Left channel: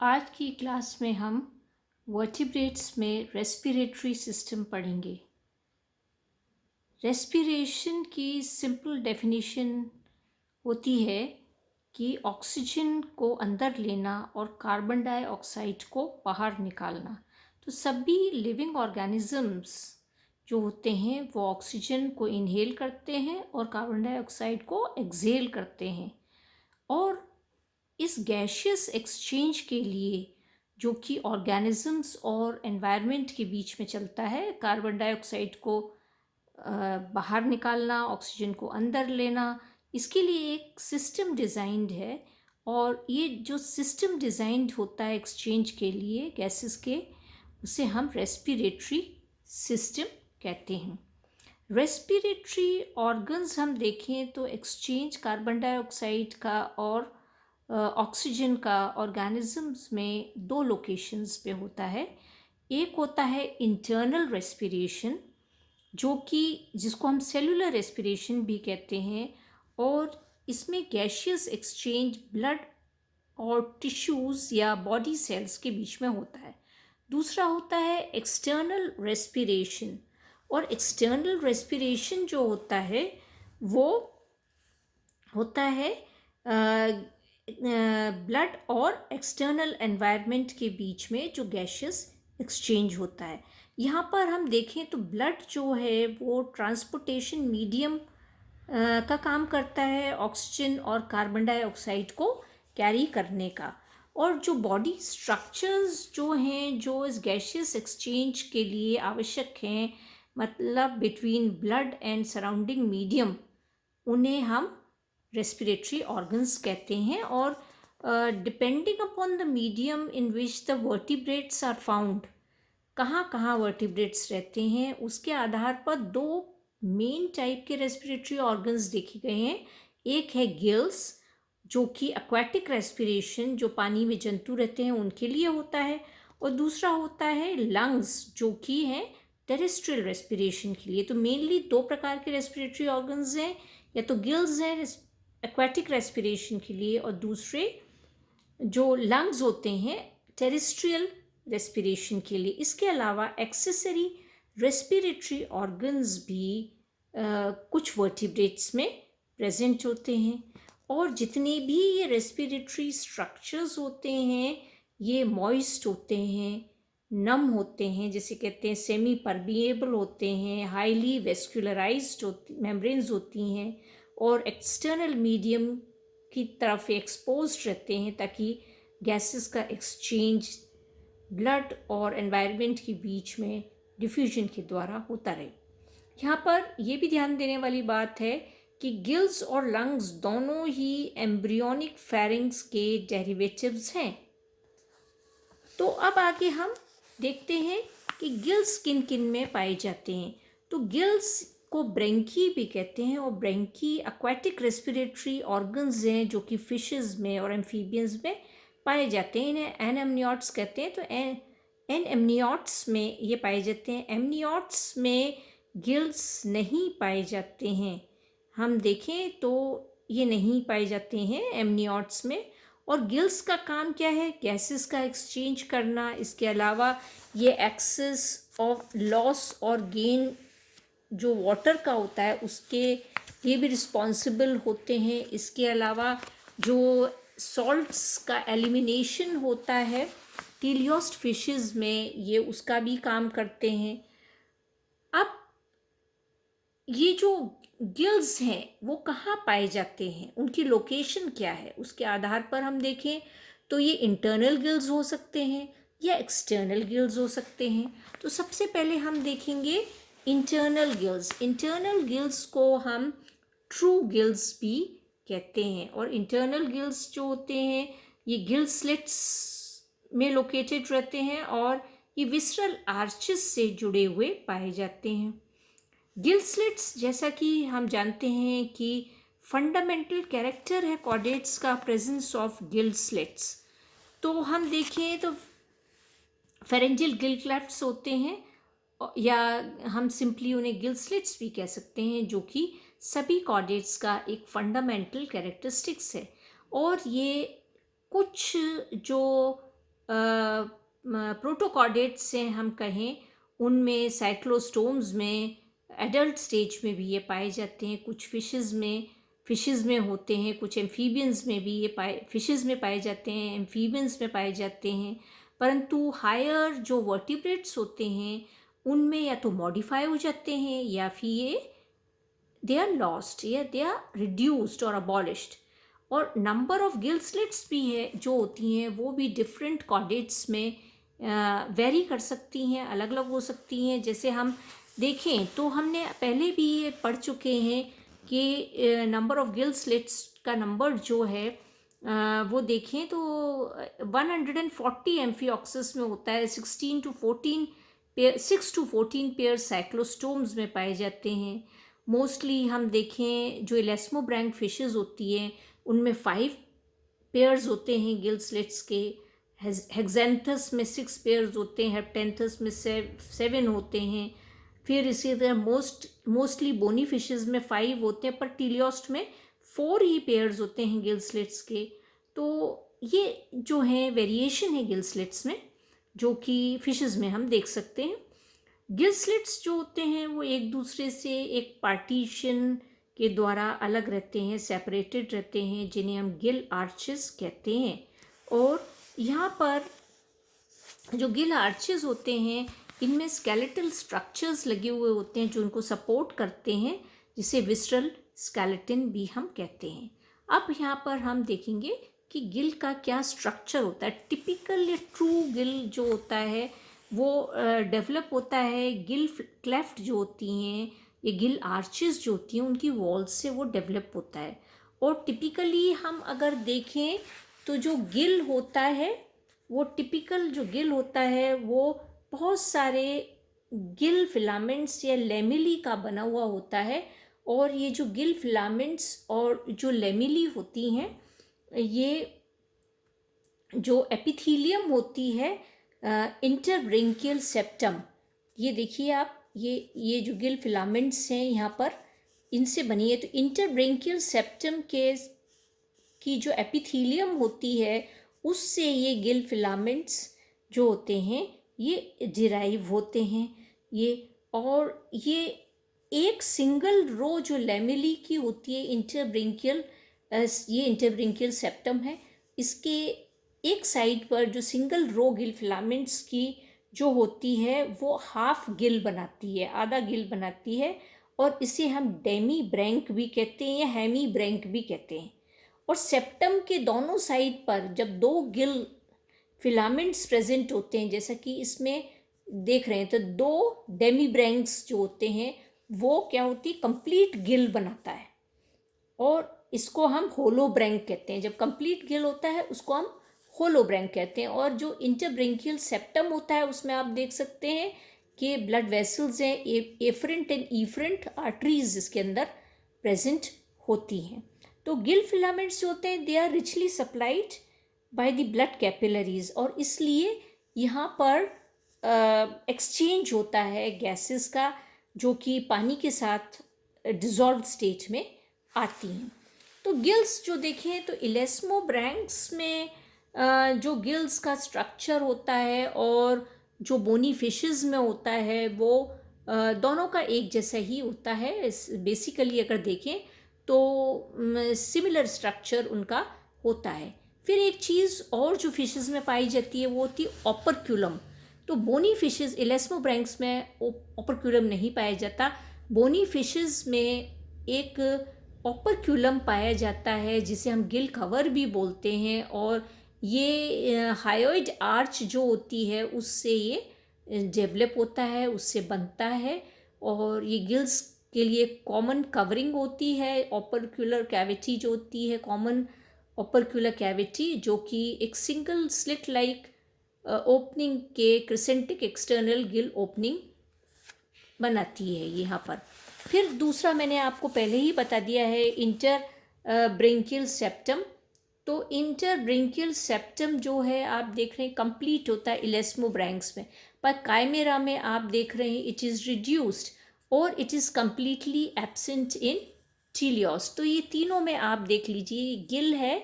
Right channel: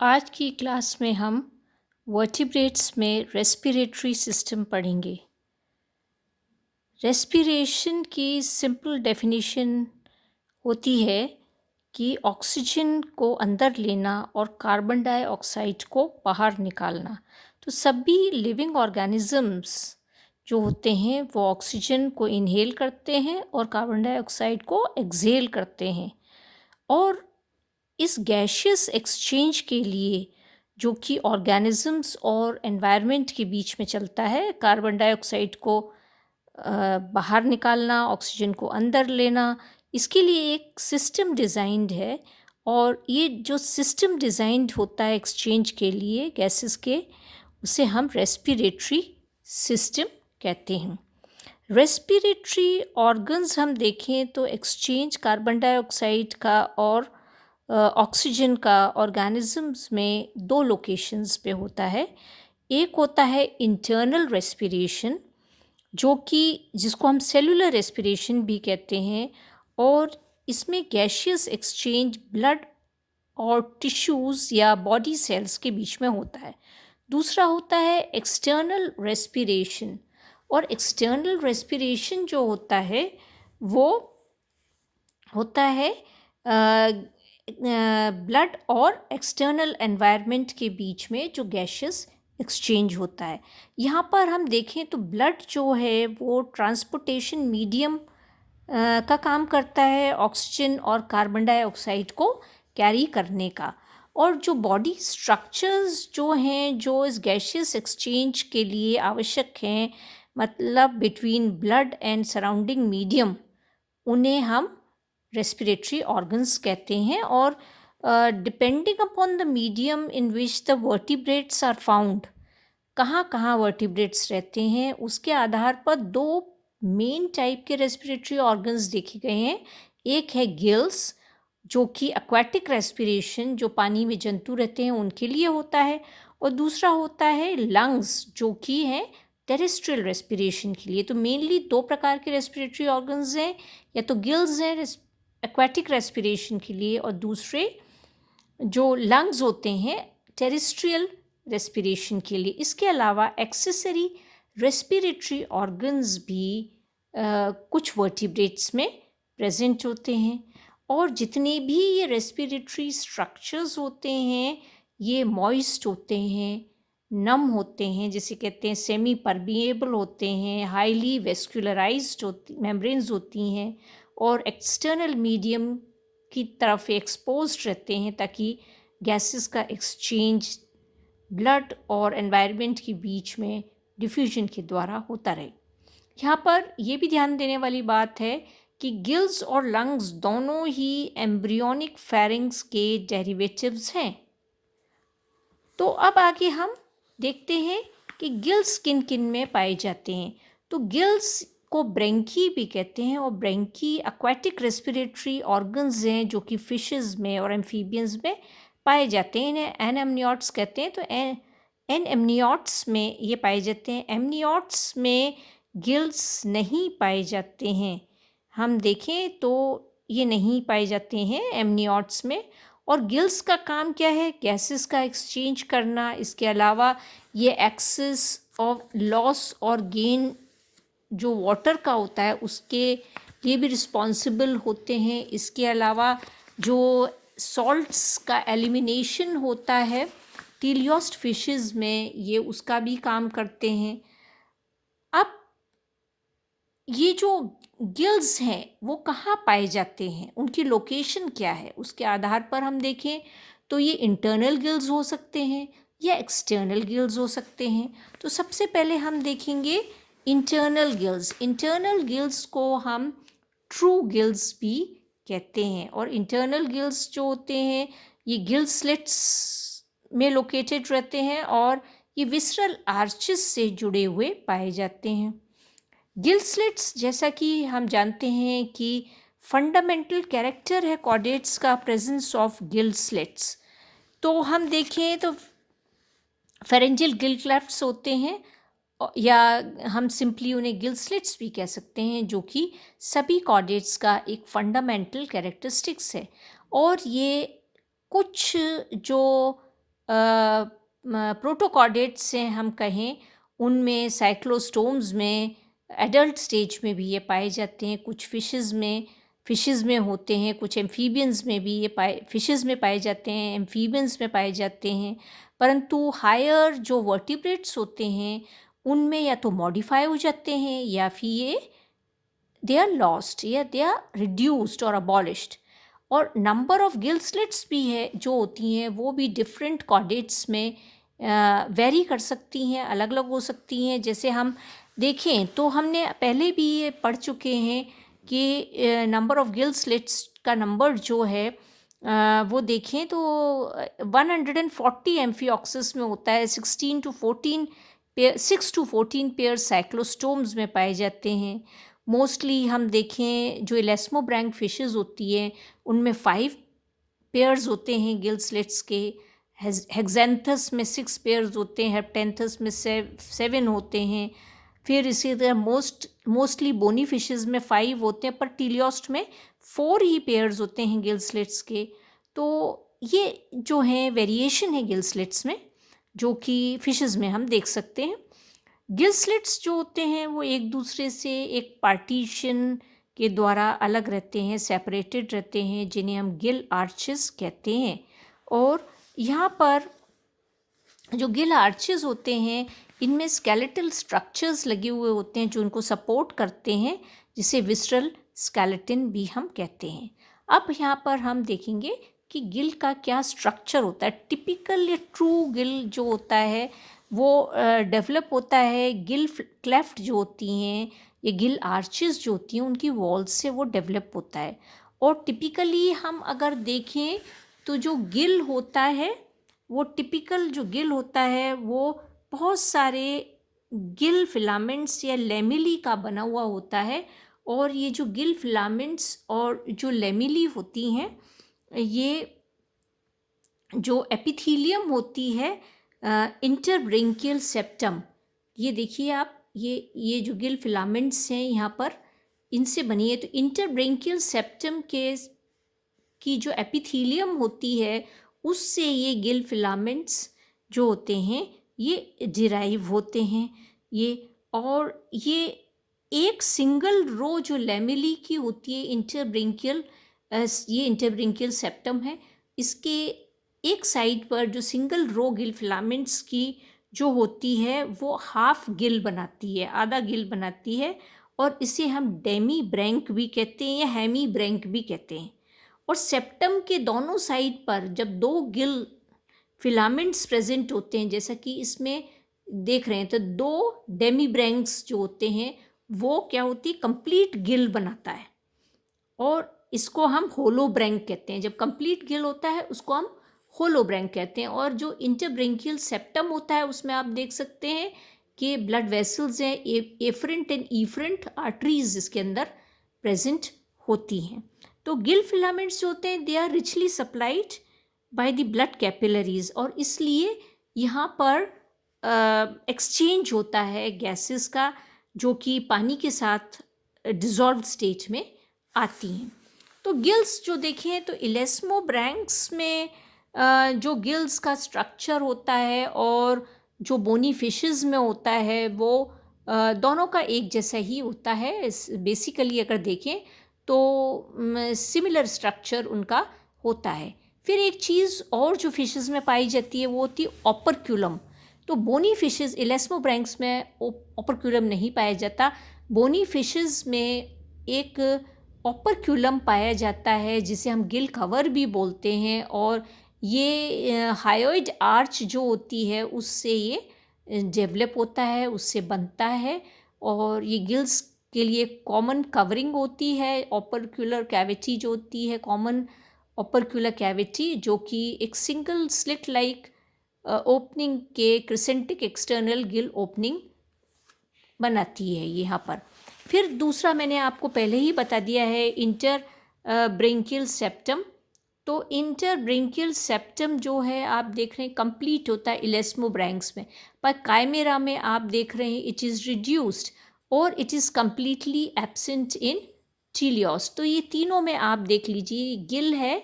आज की क्लास में हम वर्टिब्रेट्स में रेस्पिरेटरी सिस्टम पढ़ेंगे। रेस्पिरेशन की सिंपल डेफिनेशन होती है कि ऑक्सीजन को अंदर लेना और कार्बन डाइऑक्साइड को बाहर निकालना। तो सभी लिविंग ऑर्गेनिजम्स जो होते हैं वो ऑक्सीजन को इनहेल करते हैं और कार्बन डाइऑक्साइड को एक्सहेल करते हैं। और इस गैशियस एक्सचेंज के लिए जो कि ऑर्गेनिजम्स और एनवायरनमेंट के बीच में चलता है, कार्बन डाइऑक्साइड को बाहर निकालना, ऑक्सीजन को अंदर लेना, इसके लिए एक सिस्टम डिज़ाइंड है। और ये जो सिस्टम डिज़ाइंड होता है एक्सचेंज के लिए गैसेस के, उसे हम रेस्पिरेटरी सिस्टम कहते हैं। रेस्पिरेटरी ऑर्गन्स हम देखें तो एक्सचेंज कार्बन डाइऑक्साइड का और ऑक्सीजन का ऑर्गेनिजम्स में दो लोकेशंस पे होता है। एक होता है इंटरनल रेस्पिरेशन, जो कि जिसको हम सेलुलर रेस्पिरेशन भी कहते हैं, और इसमें गैशियस एक्सचेंज ब्लड और टिश्यूज़ या बॉडी सेल्स के बीच में होता है। दूसरा होता है एक्सटर्नल रेस्पिरेशन, और एक्सटर्नल रेस्पिरेशन जो होता है वो होता है ब्लड और एक्सटर्नल एनवायरनमेंट के बीच में जो गैशियस एक्सचेंज होता है। यहाँ पर हम देखें तो ब्लड जो है वो ट्रांसपोर्टेशन मीडियम का काम करता है, ऑक्सीजन और कार्बन डाइऑक्साइड को कैरी करने का। और जो बॉडी स्ट्रक्चर्स जो हैं जो इस गैशियस एक्सचेंज के लिए आवश्यक हैं, मतलब between blood and surrounding medium, उन्हें हम रेस्पिरेटरी ऑर्गन्स कहते हैं। और depending upon the medium in which the vertebrates are found, कहाँ कहाँ वर्टिब्रेट्स रहते हैं, उसके आधार पर दो मेन टाइप के रेस्पिरेटरी ऑर्गन्स देखे गए हैं। एक है गिल्स, जो कि एक्वाटिक रेस्पिरेशन, जो पानी में जंतु रहते हैं उनके लिए होता है, और दूसरा होता है लंग्स, जो कि है टेरेस्ट्रियल रेस्पिरेशन के लिए। तो मेनली दो प्रकार के रेस्पिरेटरी ऑर्गन्स हैं, या तो गिल्स हैं एक्वाटिक रेस्पिरेशन के लिए, और दूसरे जो लंग्स होते हैं टेरेस्ट्रियल रेस्पिरेशन के लिए। इसके अलावा एक्सेसरी रेस्पिरेटरी ऑर्गन्स भी कुछ वर्टिब्रेट्स में प्रेजेंट होते हैं। और जितने भी ये रेस्पिरेटरी स्ट्रक्चर्स होते हैं ये मॉइस्ट होते हैं, नम होते हैं, जिसे कहते हैं सेमी परमिएबल होते हैं, हाईली वेस्कुलराइज्ड होती मेम्ब्रेन्स होती हैं, और एक्सटर्नल मीडियम की तरफ एक्सपोज्ड रहते हैं, ताकि गैसेस का एक्सचेंज ब्लड और एनवायरनमेंट के बीच में डिफ्यूजन के द्वारा होता रहे। यहाँ पर यह भी ध्यान देने वाली बात है कि गिल्स और लंग्स दोनों ही एम्ब्रियोनिक फेरिंग्स के डेरिवेटिव्स हैं। तो अब आगे हम देखते हैं कि गिल्स किन किन में पाए जाते हैं। तो गिल्स को ब्रेंकी भी कहते हैं, और ब्रेंकी एक्वाटिक रेस्पिरेटरी ऑर्गन्स हैं जो कि फिशेस में और एम्फीबियंस में पाए जाते हैं। इन्हें एनेमनियोट्स कहते हैं। तो एनेमनियोट्स में ये पाए जाते हैं। एमनियोट्स में गिल्स नहीं पाए जाते हैं। हम देखें तो ये नहीं पाए जाते हैं एमनियोट्स में। और गिल्स का काम क्या है? गैसेस का एक्सचेंज करना। इसके अलावा ये एक्सेस ऑफ लॉस और गेन जो वाटर का होता है उसके लिए भी रिस्पॉन्सिबल होते हैं। इसके अलावा जो सॉल्ट्स का एलिमिनेशन होता है टीलियोस्ट फिशेस में, ये उसका भी काम करते हैं। अब ये जो गिल्स हैं वो कहाँ पाए जाते हैं, उनकी लोकेशन क्या है, उसके आधार पर हम देखें तो ये इंटरनल गिल्स हो सकते हैं या एक्सटर्नल गिल्स हो सकते हैं। तो सबसे पहले हम देखेंगे इंटरनल गिल्स। इंटरनल गिल्स को हम ट्रू गिल्स भी कहते हैं। और इंटरनल गिल्स जो होते हैं ये गिल स्लिट्स में लोकेटेड रहते हैं, और ये विसरल आर्चेस से जुड़े हुए पाए जाते हैं। गिल स्लिट्स, जैसा कि हम जानते हैं कि फंडामेंटल कैरेक्टर है कॉर्डेट्स का प्रेजेंस ऑफ गिल स्लिट्स। तो हम देखें तो फेरेंजियल गिल क्लेफ्ट्स होते हैं, या हम सिंपली उन्हें गिल स्लिट्स भी कह सकते हैं, जो कि सभी कॉर्डेट्स का एक फंडामेंटल कैरेक्टरिस्टिक्स है। और ये कुछ जो प्रोटोकॉर्डेट्स से हम कहें, उनमें साइक्लोस्टोम्स में एडल्ट स्टेज में भी ये पाए जाते हैं, कुछ फिशेस में होते हैं, कुछ एम्फीबियंस में भी ये फिशेस में पाए जाते हैं, एम्फीबियंस में पाए जाते हैं। परंतु हायर जो वर्टिब्रेट्स होते हैं उनमें या तो मॉडिफाई हो जाते हैं या फिर ये दे आर लॉस्ट या दे आर रिड्यूस्ड और अबॉलिश्ड। और नंबर ऑफ गिल स्लिट्स भी है जो होती हैं, वो भी डिफरेंट कॉर्डेट्स में वेरी कर सकती हैं, अलग अलग हो सकती हैं। जैसे हम देखें तो हमने पहले भी ये पढ़ चुके हैं कि नंबर ऑफ गिल स्लिट्स का नंबर जो है वो देखें तो 140 एम्फिऑक्सिस में होता है, 6 to 14 पेयर साइक्लोस्टोम्स में पाए जाते हैं। मोस्टली हम देखें जो इलेस्मोब्रैंक फिशेस होती हैं उनमें 5 पेयर्स होते हैं गिल स्लिट्स के। हेक्सेंथस में 6 पेयर्स होते हैं, हेप्टेंथस में 7 होते हैं। फिर इसी तरह मोस्टली बोनी फिशेस में 5 होते हैं, पर टीलियोस्ट में 4 ही पेयर्स होते हैं गिल स्लिट्स के। तो ये जो है वेरिएशन है गिल स्लिट्स में, जो कि फिशेस में हम देख सकते हैं। गिल स्लिट्स जो होते हैं वो एक दूसरे से एक पार्टीशन के द्वारा अलग रहते हैं, सेपरेटेड रहते हैं, जिन्हें हम गिल आर्चेस कहते हैं। और यहाँ पर जो गिल आर्चेस होते हैं इनमें स्केलेटल स्ट्रक्चर्स लगे हुए होते हैं जो उनको सपोर्ट करते हैं, जिसे विसरल स्केलेटन भी हम कहते हैं। अब यहाँ पर हम देखेंगे कि गिल का क्या स्ट्रक्चर होता है। टिपिकल या ट्रू गिल जो होता है वो डेवलप होता है गिल क्लेफ्ट जो होती हैं, ये गिल आर्चेस जो होती हैं उनकी वॉल्स से वो डेवलप होता है। और टिपिकली हम अगर देखें तो जो गिल होता है वो टिपिकल जो गिल होता है वो बहुत सारे गिल फिलामेंट्स या लेमिली का बना हुआ होता है। और ये जो गिल फिलामेंट्स और जो लेमिली होती हैं, ये जो एपिथीलियम होती है इंटरब्रेंकियल सेप्टम, ये देखिए आप, ये जो गिल फिलामेंट्स हैं यहाँ पर इनसे बनी है। तो इंटरब्रेंकियल सेप्टम की जो एपिथीलियम होती है उससे ये गिल फिलामेंट्स जो होते हैं ये डिराइव होते हैं। और ये एक सिंगल रो जो लेमिली की होती है इंटरब्रेंकियल, ये इंटरब्रेंकियल सेप्टम है, इसके एक साइड पर जो सिंगल रो गिल फिलामेंट्स की जो होती है वो हाफ गिल बनाती है, आधा गिल बनाती है। और इसे हम डेमी ब्रैंक भी कहते हैं या हेमी ब्रैंक भी कहते हैं। और सेप्टम के दोनों साइड पर जब 2 गिल फिलामेंट्स प्रेजेंट होते हैं, जैसा कि इसमें देख रहे हैं, तो 2 डेमी ब्रैंक्स जो होते हैं वो क्या होती है, कंप्लीट गिल बनाता है। और इसको हम होलो ब्रैंक कहते हैं। जब कंप्लीट गिल होता है उसको हम होलो ब्रैंक कहते हैं। और जो इंटरब्रेंकियल सेप्टम होता है उसमें आप देख सकते हैं कि ब्लड वेसल्स हैं, एफरेंट एंड इफरेंट आर्टरीज इसके अंदर प्रेजेंट होती हैं। तो गिल फिलामेंट्स जो होते हैं they are richly supplied by the blood capillaries, और इसलिए यहाँ पर एक्सचेंज होता है गैसेस का, जो कि पानी के साथ डिजॉल्व स्टेट में आती हैं। तो गिल्स जो देखें तो इलेस्मोब्रैंक्स में जो गिल्स का स्ट्रक्चर होता है और जो बोनी फिशेस में होता है वो दोनों का एक जैसा ही होता है। बेसिकली अगर देखें तो सिमिलर स्ट्रक्चर उनका होता है। फिर एक चीज़ और जो फिशेस में पाई जाती है वो होती है ऑपरक्यूलम। तो बोनी फिशेस, इलेस्मोब्रैंक्स में ऑपरक्यूलम नहीं पाया जाता। बोनी फिशेस में एक ऑपरक्यूलम पाया जाता है जिसे हम गिल कवर भी बोलते हैं। और ये हायोइड आर्च जो होती है उससे ये डेवलप होता है, उससे बनता है। और ये गिल्स के लिए कॉमन कवरिंग होती है। ऑपरक्यूलर कैविटी जो होती है, कॉमन ऑपरक्यूलर कैविटी, जो कि एक सिंगल स्लिट लाइक ओपनिंग के क्रिसेंटिक एक्सटर्नल गिल ओपनिंग बनाती है यहाँ पर। फिर दूसरा मैंने आपको पहले ही बता दिया है इंटर ब्रेंकियल सेप्टम। तो इंटर ब्रेंकियल सेप्टम जो है आप देख रहे हैं कंप्लीट होता है इलेस्मोब्रैंक्स में, पर काइमेरा में आप देख रहे हैं इट इज़ रिड्यूस्ड और it is completely absent in teleosts. तो ये तीनों में आप देख लीजिए गिल है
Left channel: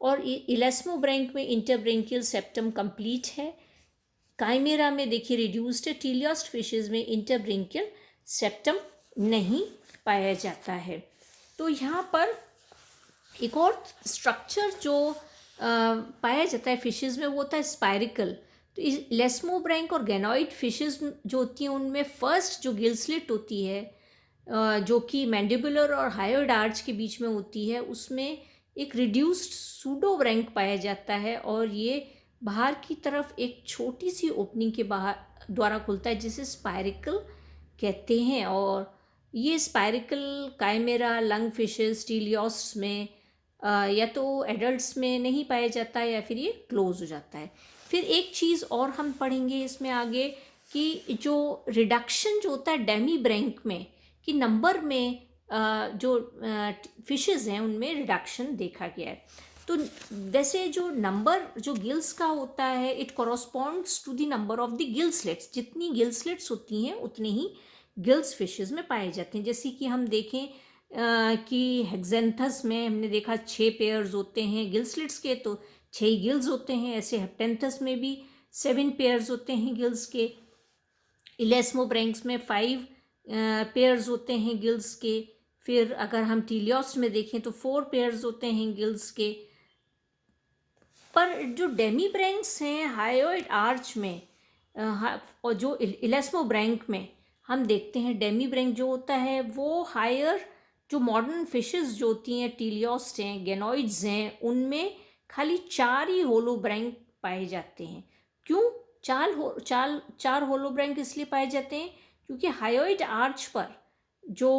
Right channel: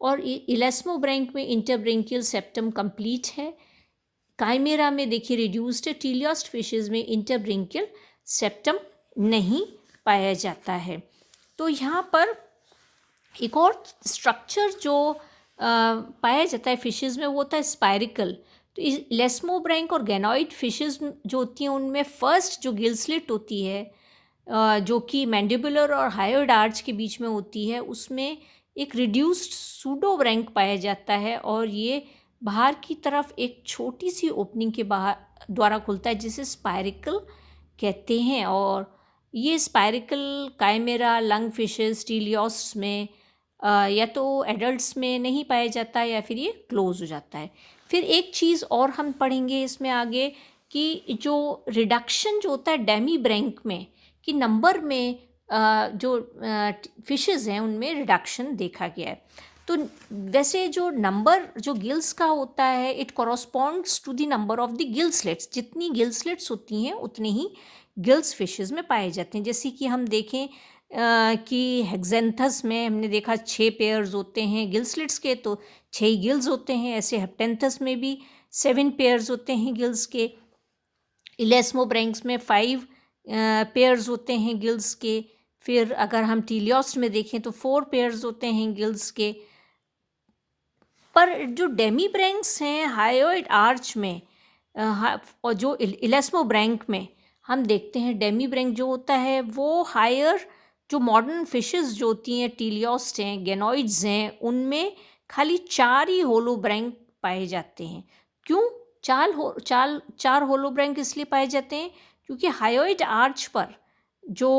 और इलेस्मोब्रैंक में इंटरब्रेंकियल सेप्टम कंप्लीट है। काइमेरा में देखिए रिड्यूस्ड है। टीलियोस्ट फिशेस में इंटरब्रेंकियल सेप्टम नहीं पाया जाता है। तो यहाँ पर एक और स्ट्रक्चर जो पाया जाता है फिशेस में वो होता है स्पायरिकल। तो इलेस्मोब्रैंक और गैनोइड फिशेस जो होती हैं उनमें फर्स्ट जो गिल स्लिट होती है जो कि मैंडिबुलर और हायोइड आर्च के बीच में होती है, उसमें एक रिड्यूस्ड सूडोब्रैंक पाया जाता है और ये बाहर की तरफ एक छोटी सी ओपनिंग के बाहर द्वारा खुलता है जिसे स्पायरिकल कहते हैं। और ये स्पायरिकल काइमेरा, लंग फिशेस, टीलियोस्ट्स में या तो एडल्ट्स में नहीं पाया जाता या फिर ये क्लोज हो जाता है। फिर एक चीज़ और हम पढ़ेंगे इसमें आगे कि जो रिडक्शन जो होता है डेमी ब्रैंक में कि नंबर में जो फिशेस हैं उनमें रिडक्शन देखा गया है। तो वैसे जो नंबर जो गिल्स का होता है it corresponds to the number of the gill slits. जितनी गिल स्लिट्स होती हैं उतने ही गिल्स फिशेस में पाए जाते हैं। जैसे कि हम देखें कि हेक्सेंथस में हमने देखा 6 पेयर्स होते हैं गिल स्लिट्स के, तो 6 ही गिल्स होते हैं। ऐसे हेप्टेंथस में भी 7 पेयर्स होते हैं गिल्स के। इलेस्मोब्रैंक्स में 5 पेयर्स होते हैं गिल्स के। फिर अगर हम टीलियोस्ट में देखें तो 4 पेयर्स होते हैं गिल्स के। पर जो डेमीब्रैंक्स हैं हायोइड आर्च में और जो इलेस्मोब्रैंक में हम देखते हैं डेमीब्रैंक जो होता है वो हायर जो मॉडर्न फिशेस जो होती हैं टीलियोस्ट हैं, गैनोइड्स हैं, उनमें खाली 4 ही होलोब्रैंक पाए जाते हैं। क्यों चार होलोब्रैंक इसलिए पाए जाते हैं क्योंकि हायोइड आर्च पर जो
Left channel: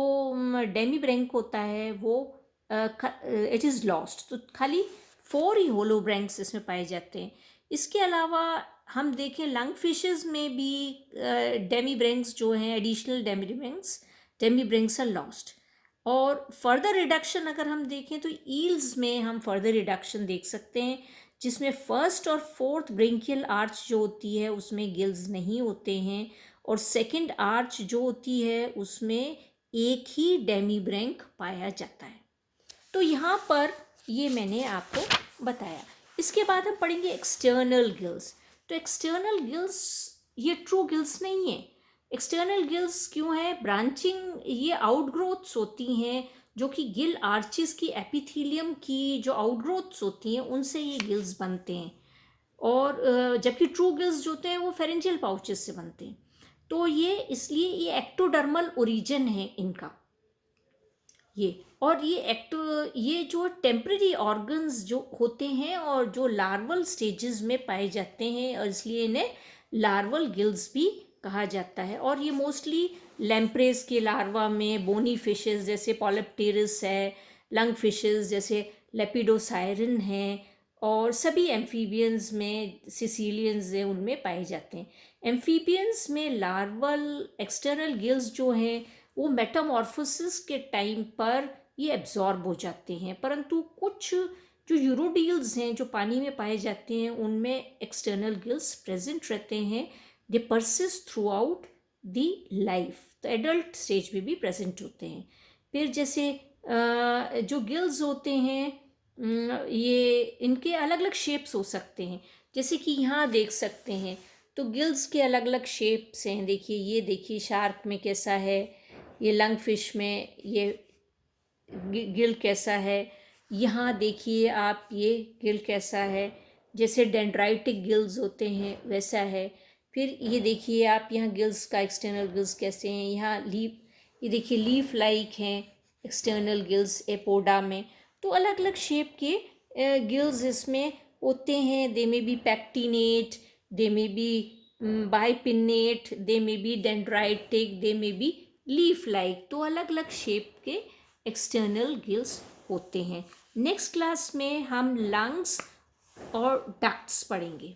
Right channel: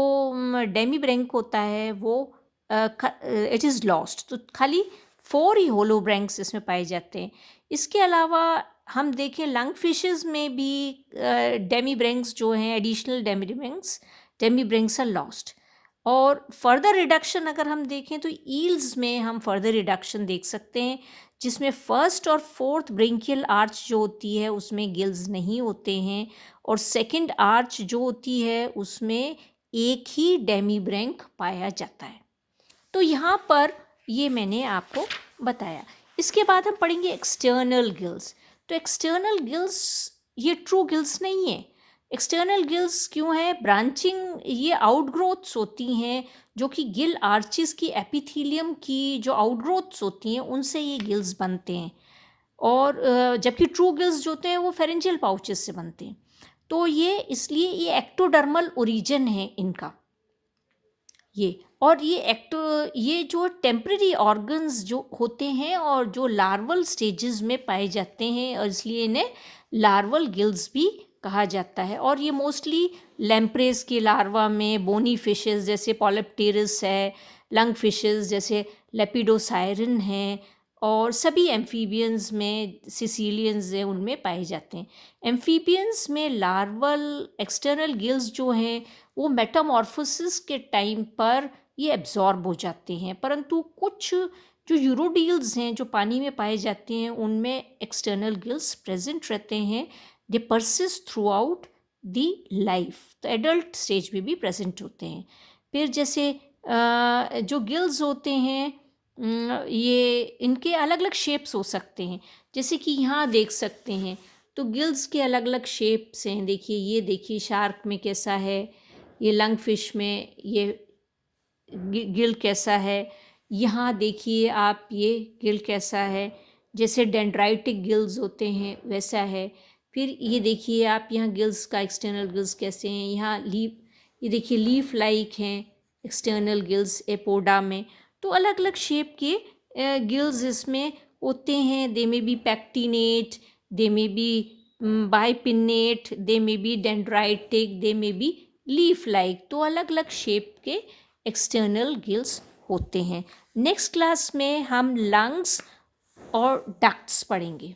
डेमीब्रैंक होता है वो इट इज़ लॉस्ट। तो खाली 4 ही होलोब्रैंक्स इसमें पाए जाते हैं। इसके अलावा हम देखें लंग फिशेस में भी डेमीब्रैंक्स जो हैं एडिशनल डेमीब्रैंक्स आर लॉस्ट। और फर्दर रिडक्शन अगर हम देखें तो ईल्स में हम फर्दर रिडक्शन देख सकते हैं जिसमें फर्स्ट और फोर्थ ब्रेंकियल आर्च जो होती है उसमें गिल्स नहीं होते हैं और सेकंड आर्च जो होती है उसमें एक ही डेमीब्रैंक पाया जाता है। तो यहाँ पर ये मैंने आपको बताया। इसके बाद हम पढ़ेंगे एक्सटर्नल गिल्स। तो एक्सटर्नल गिल्स ये ट्रू गिल्स नहीं है। एक्सटर्नल गिल्स क्यों है? ब्रांचिंग ये आउटग्रोथ्स होती हैं जो कि गिल आर्चिस की एपिथेलियम की जो आउटग्रोथ्स होती हैं उनसे ये गिल्स बनते हैं। और जबकि ट्रू गिल्स जो होते हैं वो फेरेंजियल पाउचेस से बनते हैं। तो ये इसलिए ये एक्टोडर्मल ओरिजिन है इनका ये जो टेम्पररी ऑर्गन्स जो होते हैं और जो लार्वल स्टेजेस में पाए जाते हैं और इसलिए इन्हें लार्वल गिल्स भी कहा जाता है। और ये मोस्टली लैम्प्रेस के लार्वा में, बोनी फिशेस जैसे पॉलिप्टेरस है, लंग फिशेस जैसे लेपिडोसायरन हैं और सभी एम्फीबियंस में, सिसिलियंस हैं, उनमें पाए जाते हैं। एम्फीबियंस में लार्वल एक्सटर्नल गिल्स जो हैं वो मेटामॉर्फोसिस के टाइम पर ये एब्जॉर्ब हो जाते हैं, परंतु कुछ जो यूरोडील्स हैं जो पानी में पाए जाते हैं उनमें एक्सटर्नल गिल्स प्रेजेंट रहते हैं। दे persist through out the life, तो एडल्ट स्टेज में भी प्रेजेंट होते हैं। फिर जैसे जो गिल्स होते हैं ये इनके अलग अलग शेप्स हो सकते हैं। जैसे कि यहाँ देख सकते हैं तो गिल्स के अलग अलग शेप्स हैं। देखिए ये देखिए शार्क में कैसा है, ये लंग फिश में ये गिल कैसा है, यहाँ देखिए आप ये गिल कैसा है, जैसे डेंड्राइटिक गिल्स होते हैं वैसा है। फिर ये देखिए आप यहाँ गिल्स का एक्सटर्नल गिल्स कैसे हैं, यहाँ ये देखिए लीफ लाइक हैं एक्सटर्नल गिल्स एपोडा में। तो अलग अलग शेप के गिल्स इसमें होते हैं। दे में बी पैक्टिनेट, दे में बी बाइपिनेट, दे में बी डेंड्राइटिक, दे में बी लीफ लाइक। तो अलग अलग शेप के एक्सटर्नल गिल्स होते हैं। नेक्स्ट क्लास में हम लंग्स और डक्ट्स पढ़ेंगे।